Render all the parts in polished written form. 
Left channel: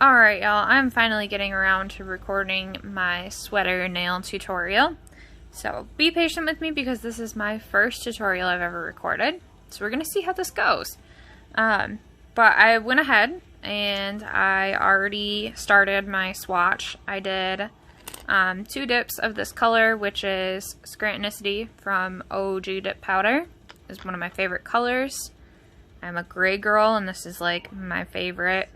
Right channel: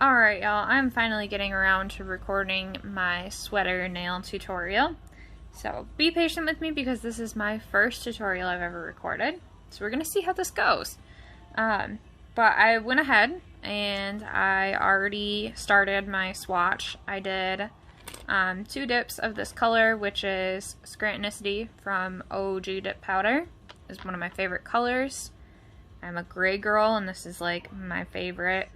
Alright, y'all, I'm finally getting around to recording my sweater nail tutorial. So be patient with me because this is my first tutorial I've ever recorded. So we're going to see how this goes. But I went ahead and I already started my swatch. I did 2 dips of this color, which is Scrantonicity from OG Dip Powder. It's one of my favorite colors. I'm a gray girl and this is like my favorite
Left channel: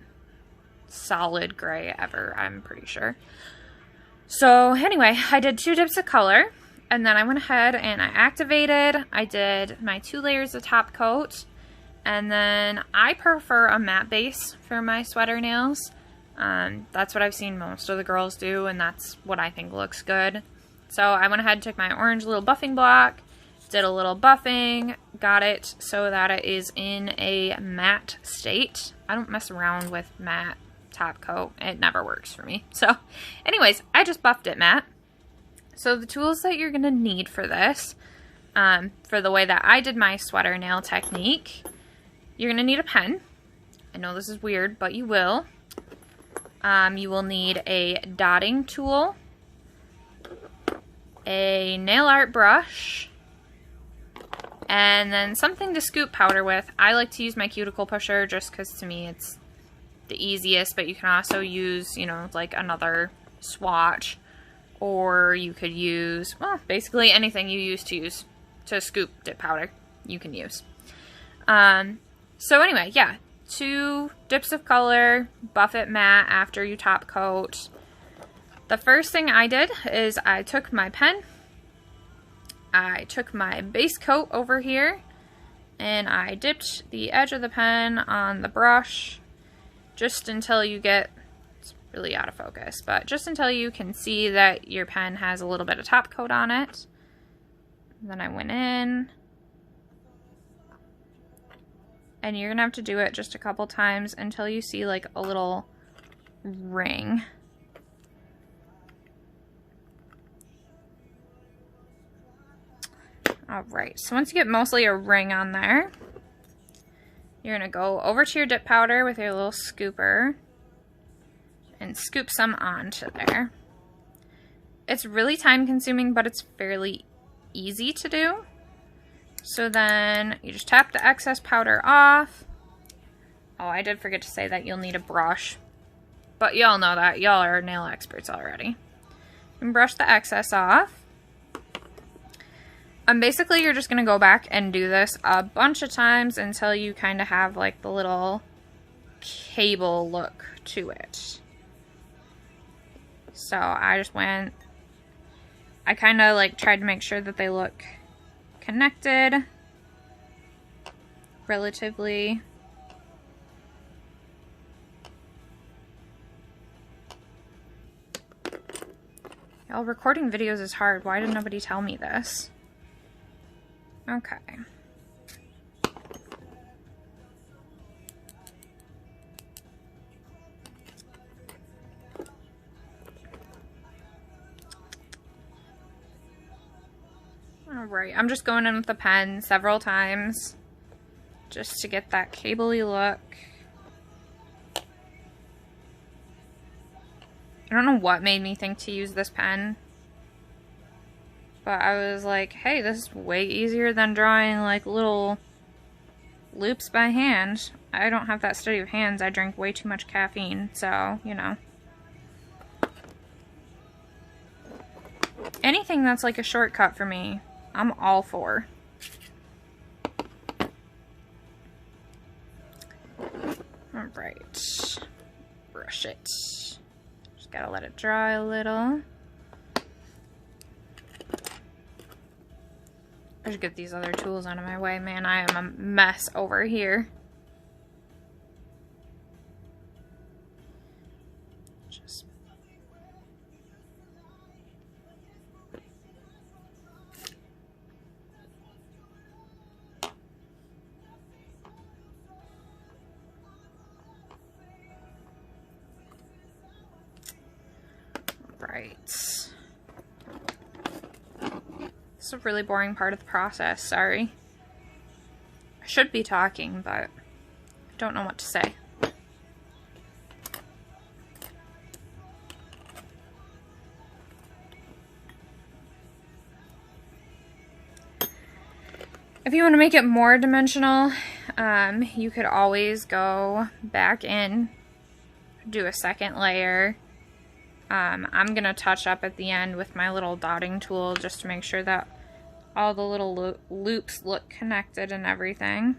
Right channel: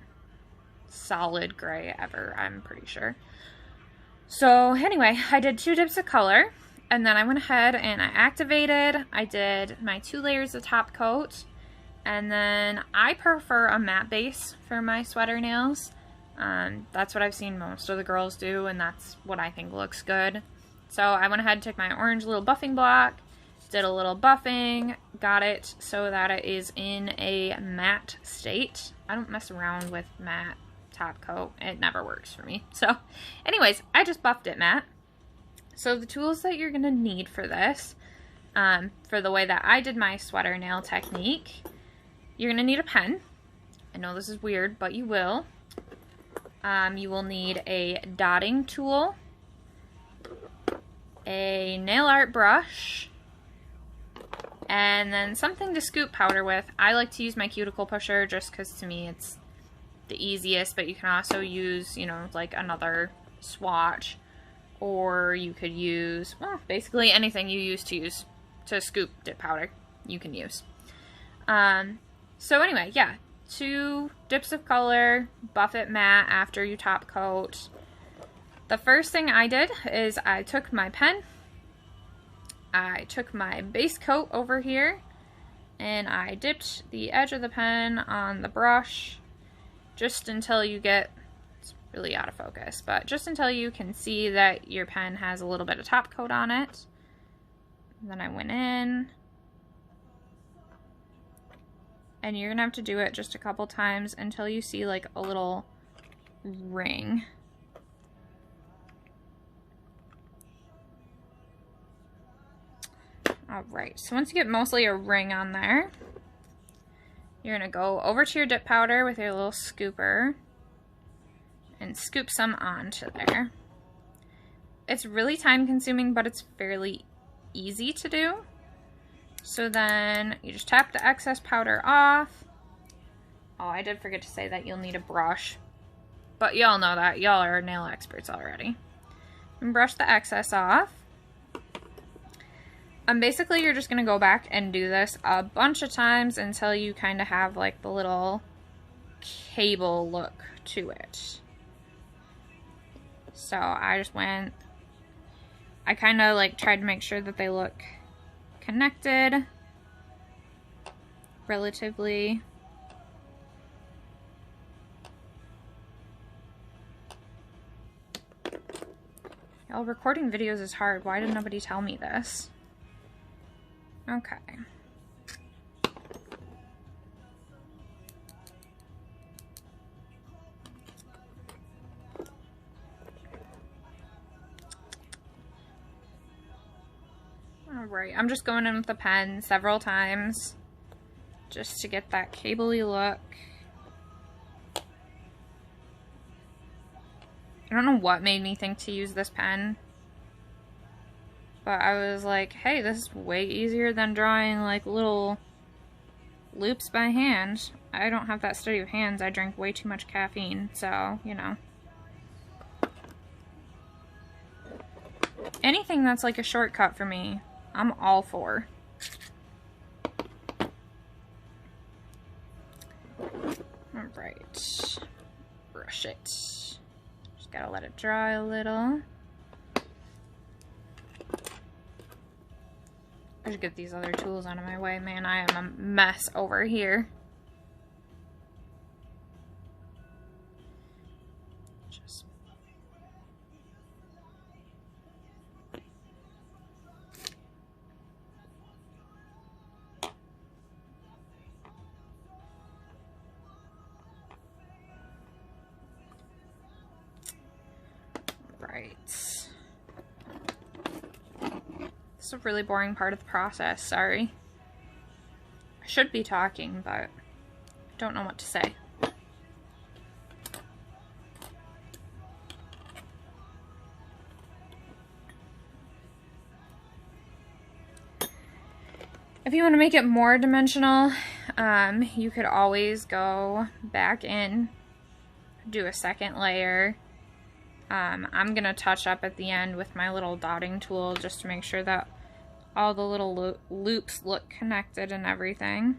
solid gray ever, I'm pretty sure. So anyway, I did 2 dips of color and then I went ahead and I activated. I did my 2 layers of top coat, and then I prefer a matte base for my sweater nails. That's what I've seen most of the girls do, and that's what I think looks good. So I went ahead and took my orange little buffing block, did a little buffing, got it so that it is in a matte state. I don't mess around with matte top coat. It never works for me. So anyways, I just buffed it matte. So the tools that you're going to need for this, for the way that I did my sweater nail technique, you're going to need a pen. I know this is weird, but you will. You will need a dotting tool, a nail art brush, and then something to scoop powder with. I like to use my cuticle pusher just because to me it's the easiest, but you can also use, you know, like another swatch, or you could use, well, basically anything you use to scoop dip powder, you can use. So anyway, yeah, 2 dips of color, buff it matte after you top coat. The first thing I did is I took my pen, I took my base coat over here, and I dipped the edge of the pen on the brush just until you get, it's really out of focus, but just until you can see that your pen has a little bit of top coat on it. And then I went in, and you're gonna have to do it just a couple times until you see like a little ring. Alright, so once you get mostly a ring on there, you're going to go over to your dip powder with your little scooper and scoop some onto there. It's really time consuming, but it's fairly easy to do. So then you just tap the excess powder off. Oh, I did forget to say that you'll need a brush, but y'all know that. Y'all are nail experts already. And brush the excess off. Basically, you're just going to go back and do this a bunch of times until you kind of have like the little cable look to it. So I just went, I kind of like tried to make sure that they look connected relatively. Y'all, recording videos is hard. Why did nobody tell me this? Okay. Alright, I'm just going in with the pen several times just to get that cable-y look. I don't know what made me think to use this pen, but I was like, hey, this is way easier than drawing like little loops by hand. I don't have that steady of hands. I drink way too much caffeine, so, you know. Anything that's like a shortcut for me, I'm all for. Alright. Brush it. Just gotta let it dry a little. I should get these other tools out of my way. Man, I am a mess over here. Just... Right. It's a really boring part of the process, sorry. I should be talking, but I don't know what to say. If you want to make it more dimensional, you could always go back in, do a second layer. I'm going to touch up at the end with my little dotting tool just to make sure that all the little loops look connected and everything.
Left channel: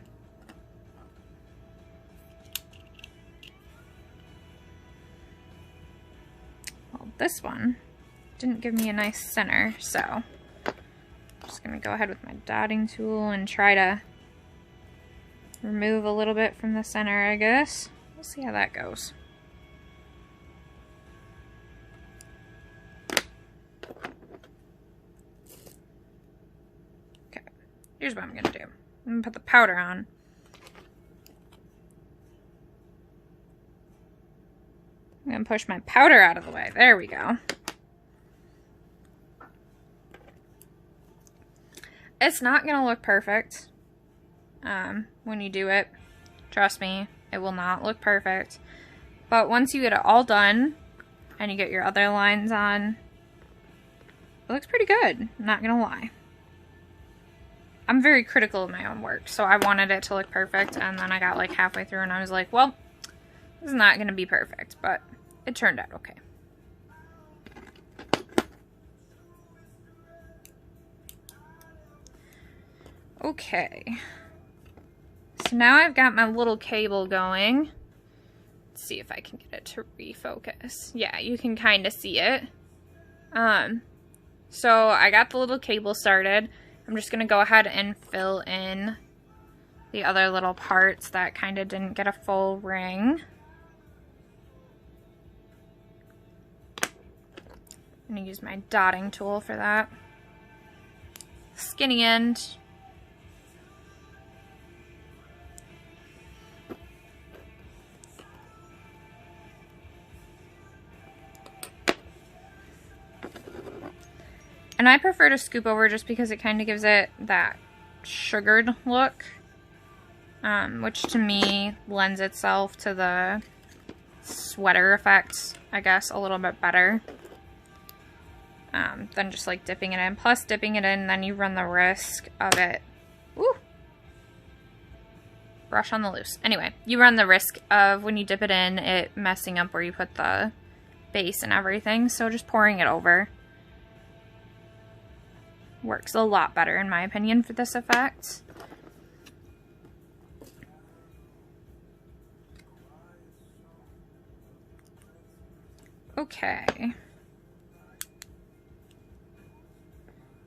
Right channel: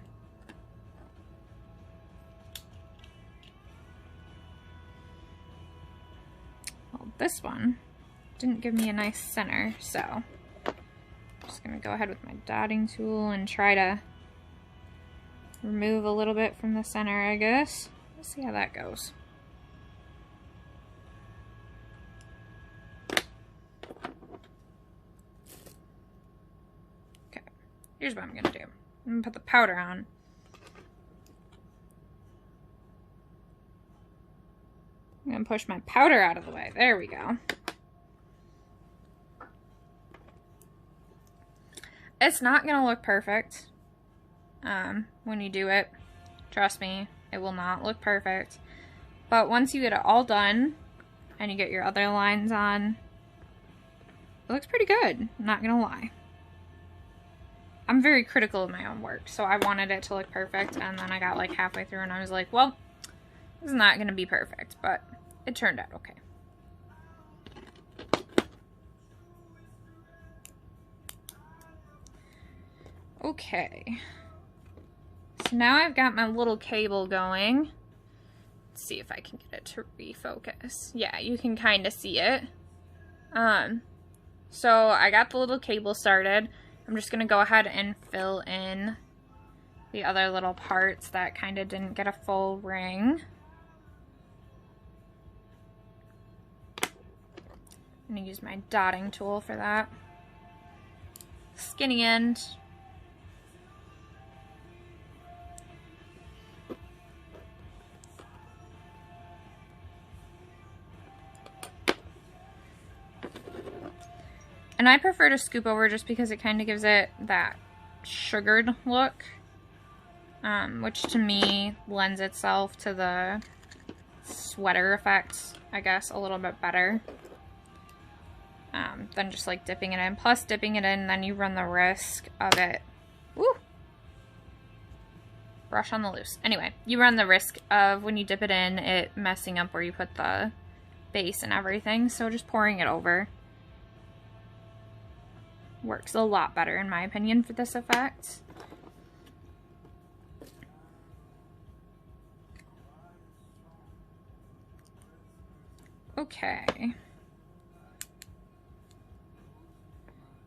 Well, this one didn't give me a nice center, so I'm just going to go ahead with my dotting tool and try to remove a little bit from the center, I guess. We'll see how that goes. Okay, here's what I'm going to do. I'm going to put the powder on. I'm going to push my powder out of the way. There we go. It's not going to look perfect when you do it. Trust me, it will not look perfect. But once you get it all done and you get your other lines on, it looks pretty good. I'm not going to lie. I'm very critical of my own work, so I wanted it to look perfect, and then I got like halfway through and I was like, well, this is not going to be perfect, but it turned out okay. Okay, so now I've got my little cable going. Let's see if I can get it to refocus. Yeah, you can kind of see it. So I got the little cable started. I'm just gonna go ahead and fill in the other little parts that kind of didn't get a full ring. I'm gonna use my dotting tool for that. Skinny end. And I prefer to scoop over just because it kind of gives it that sugared look, which to me lends itself to the sweater effect, I guess, a little bit better than just like dipping it in. Plus, dipping it in, then you run the risk of it. Woo! Brush on the loose. Anyway, you run the risk of when you dip it in, it messing up where you put the base and everything. So just pouring it over works a lot better, in my opinion, for this effect. Okay.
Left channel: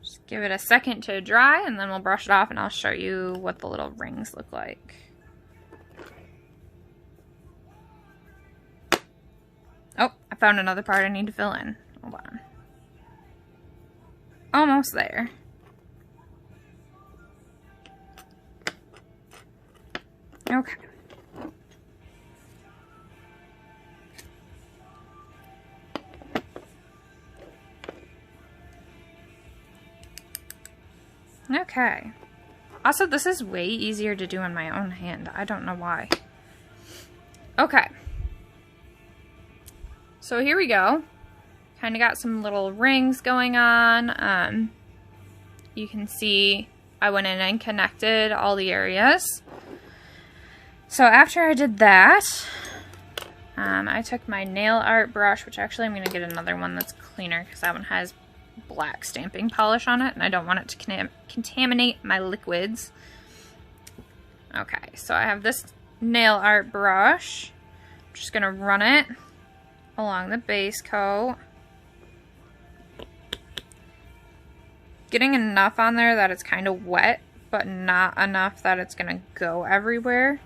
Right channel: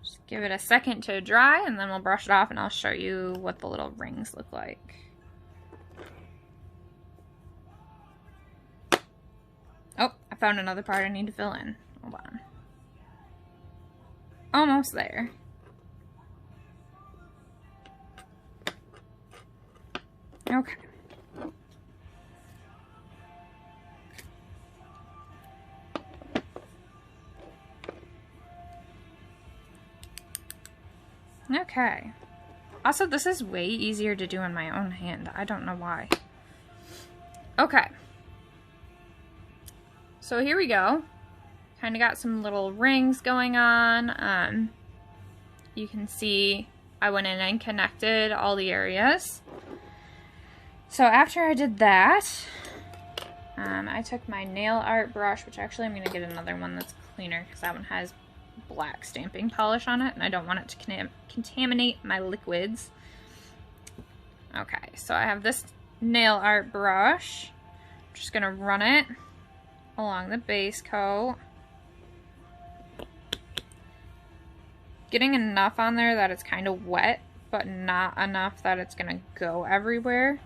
Just give it a second to dry, and then we'll brush it off, and I'll show you what the little rings look like. Oh, I found another part I need to fill in. Hold on. Almost there. Okay. Okay. Also, this is way easier to do in my own hand. I don't know why. Okay. So here we go. Kind of got some little rings going on. You can see I went in and connected all the areas. So after I did that, I took my nail art brush, which actually I'm going to get another one that's cleaner because that one has black stamping polish on it and I don't want it to contaminate my liquids. Okay, so I have this nail art brush. I'm just going to run it along the base coat. Getting enough on there that it's kind of wet, but not enough that it's going to go everywhere.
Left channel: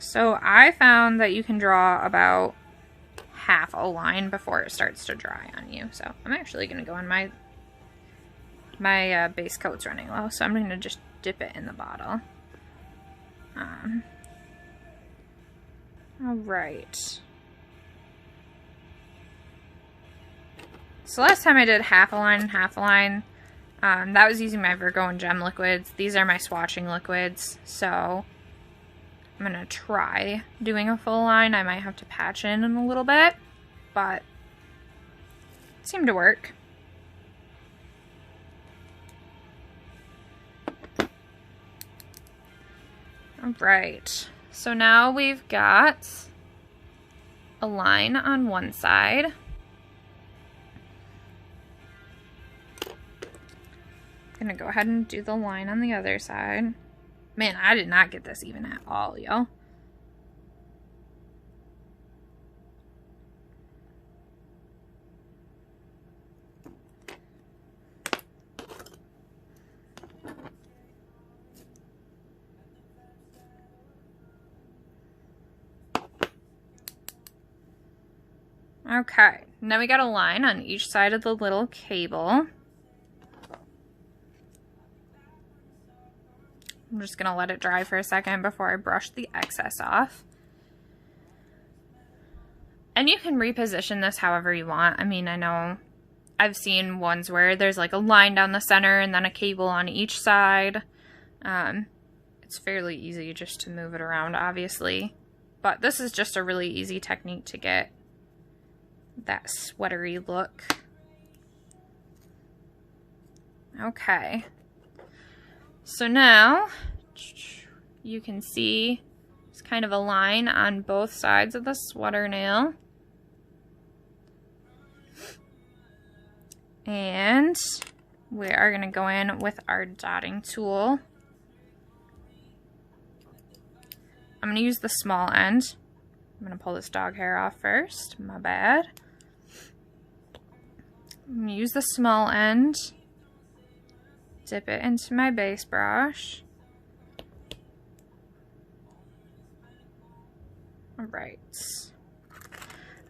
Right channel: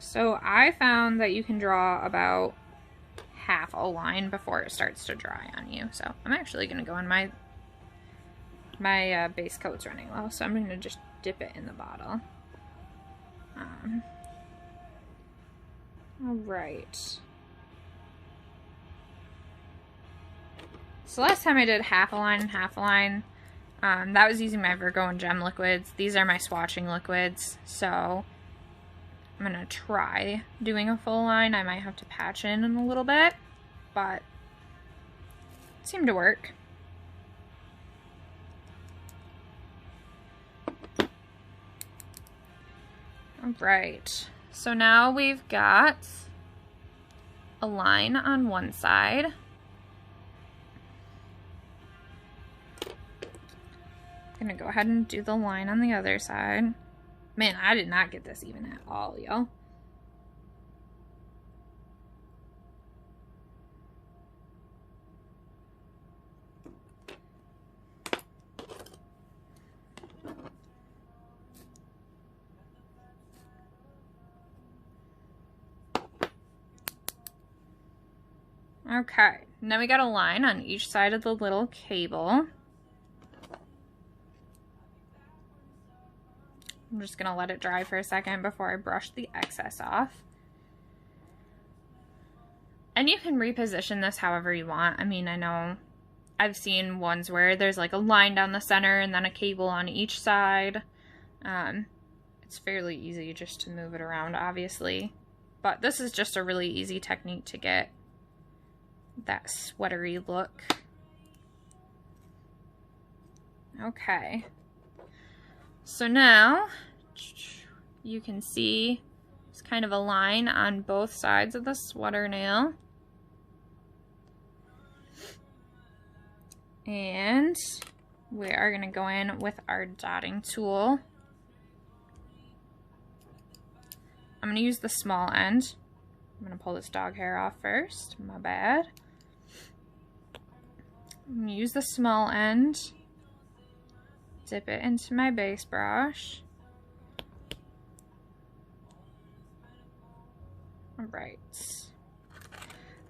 So I found that you can draw about half a line before it starts to dry on you. So I'm actually going to go on my base coat's running low, so I'm going to just dip it in the bottle. All right. So last time I did half a line and half a line. That was using my Virgo and Gem liquids. These are my swatching liquids. So I'm going to try doing a full line. I might have to patch in a little bit, but it seemed to work. All right, so now we've got a line on one side. I'm gonna go ahead and do the line on the other side. Man, I did not get this even at all, yo. Okay, now we got a line on each side of the little cable. I'm just gonna let it dry for a second before I brush the excess off. And you can reposition this however you want. I mean, I know I've seen ones where there's like a line down the center and then a cable on each side. It's fairly easy just to move it around, obviously. But this is just a really easy technique to get that sweatery look. Okay. So now you can see it's kind of a line on both sides of the sweater nail. And we are going to go in with our dotting tool. I'm going to use the small end. I'm going to pull this dog hair off first. My bad. I'm going to use the small end. Dip it into my base brush. Alright.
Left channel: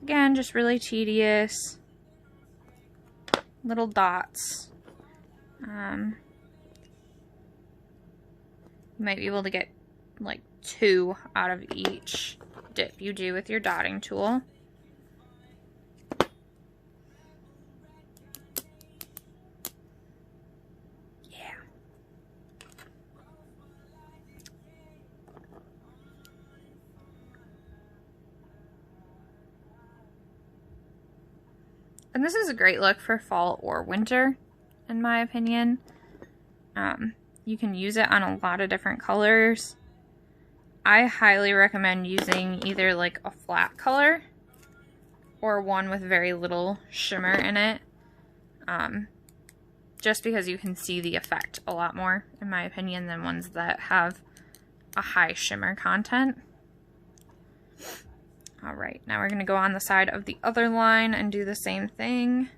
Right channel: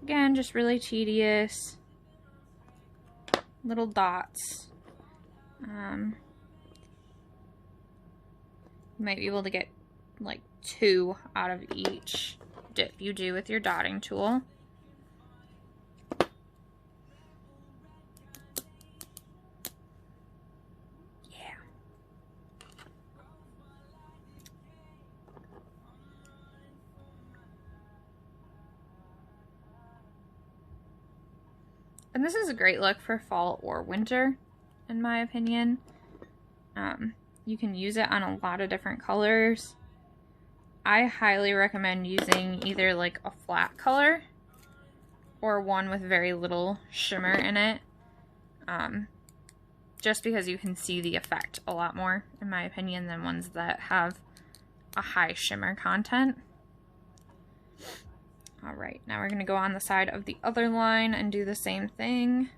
Again, just really tedious. Little dots. You might be able to get like 2 out of each dip you do with your dotting tool. Yeah. And this is a great look for fall or winter, in my opinion. You can use it on a lot of different colors. I highly recommend using either like a flat color or one with very little shimmer in it. Just because you can see the effect a lot more, in my opinion, than ones that have a high shimmer content. Alright, now we're going to go on the side of the other line and do the same thing.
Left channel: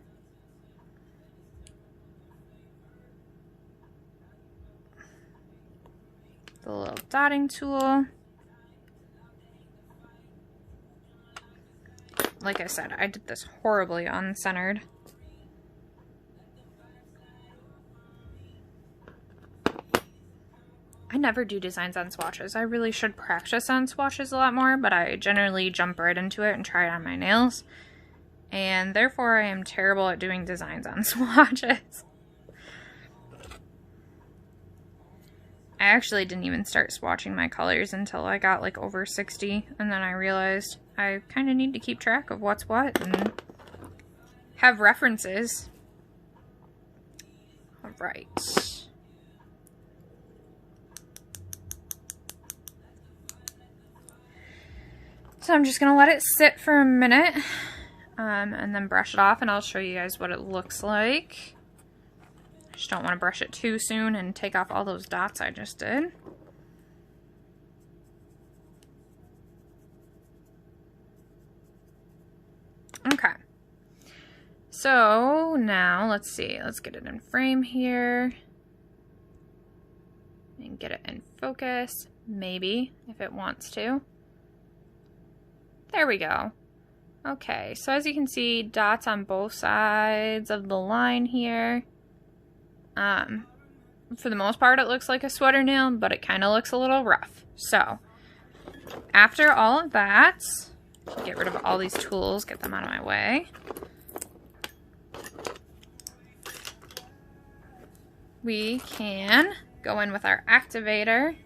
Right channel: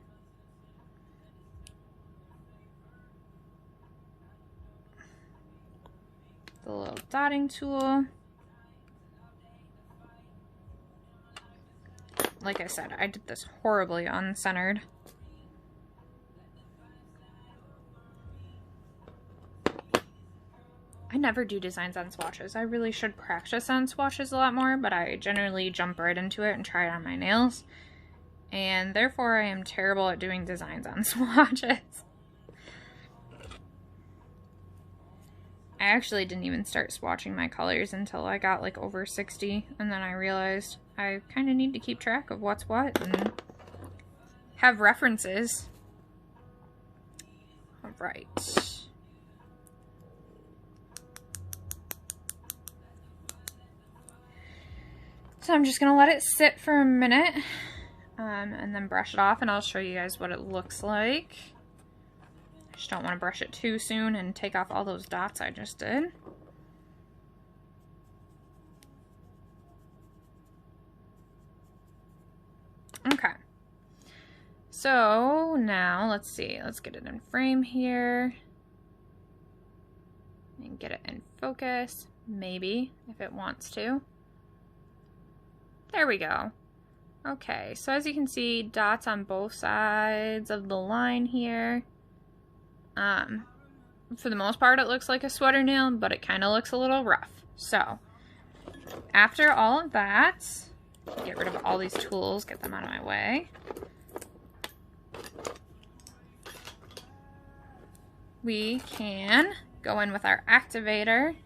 The little dotting tool. Like I said, I did this horribly uncentered. I never do designs on swatches. I really should practice on swatches a lot more, but I generally jump right into it and try it on my nails. And therefore I am terrible at doing designs on swatches. I actually didn't even start swatching my colors until I got like over 60, and then I realized I kind of need to keep track of what's what and have references. Alright. So I'm just going to let it sit for a minute and then brush it off, and I'll show you guys what it looks like. I just don't want to brush it too soon and take off all those dots I just did. Okay. So now let's see. Let's get it in frame here. And get it in focus. Maybe, if it wants to. There we go. Okay, so as you can see, dots on both sides of the line here. For the most part, it looks like a sweater nail, but it kind of looks a little rough. So, after all of that, get rid of all these tools, get them out of my way. We can go in with our activator.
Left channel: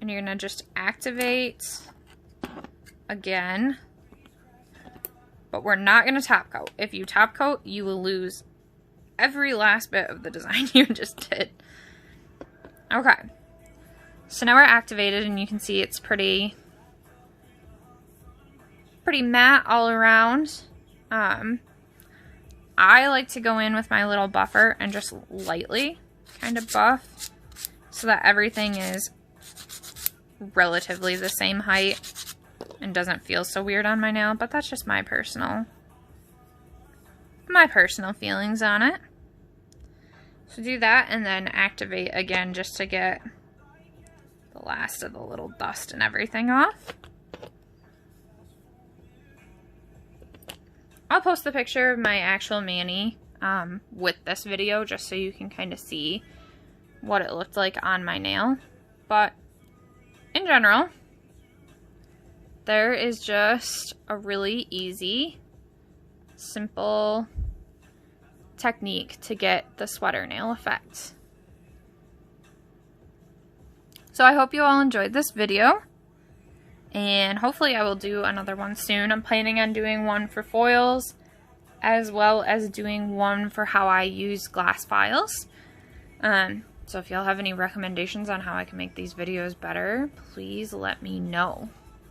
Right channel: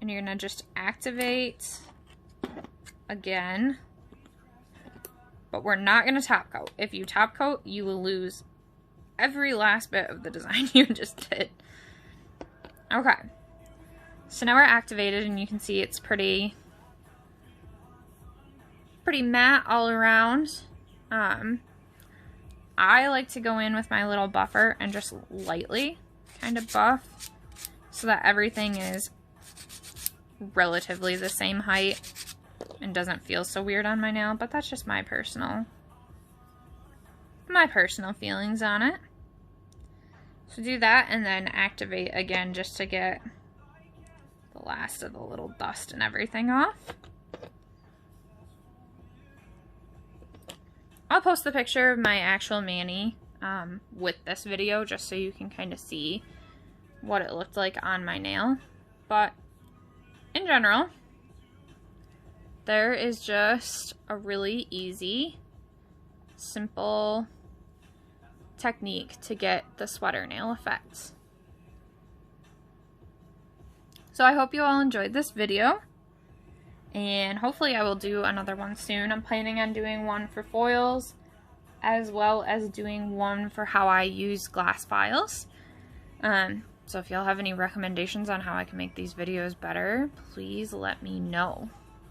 And you're going to just activate again. But we're not going to top coat. If you top coat, you will lose every last bit of the design you just did. Okay. So now we're activated and you can see it's pretty matte all around. I like to go in with my little buffer and just lightly kind of buff so that everything is relatively the same height and doesn't feel so weird on my nail, but that's just my personal feelings on it. So do that and then activate again just to get the last of the little dust and everything off. I'll post the picture of my actual mani with this video just so you can kind of see what it looked like on my nail. But in general, there is just a really easy, simple technique to get the sweater nail effect. So I hope you all enjoyed this video, and hopefully I will do another one soon. I'm planning on doing one for foils as well as doing one for how I use glass files. So if y'all have any recommendations on how I can make these videos better, please let me know.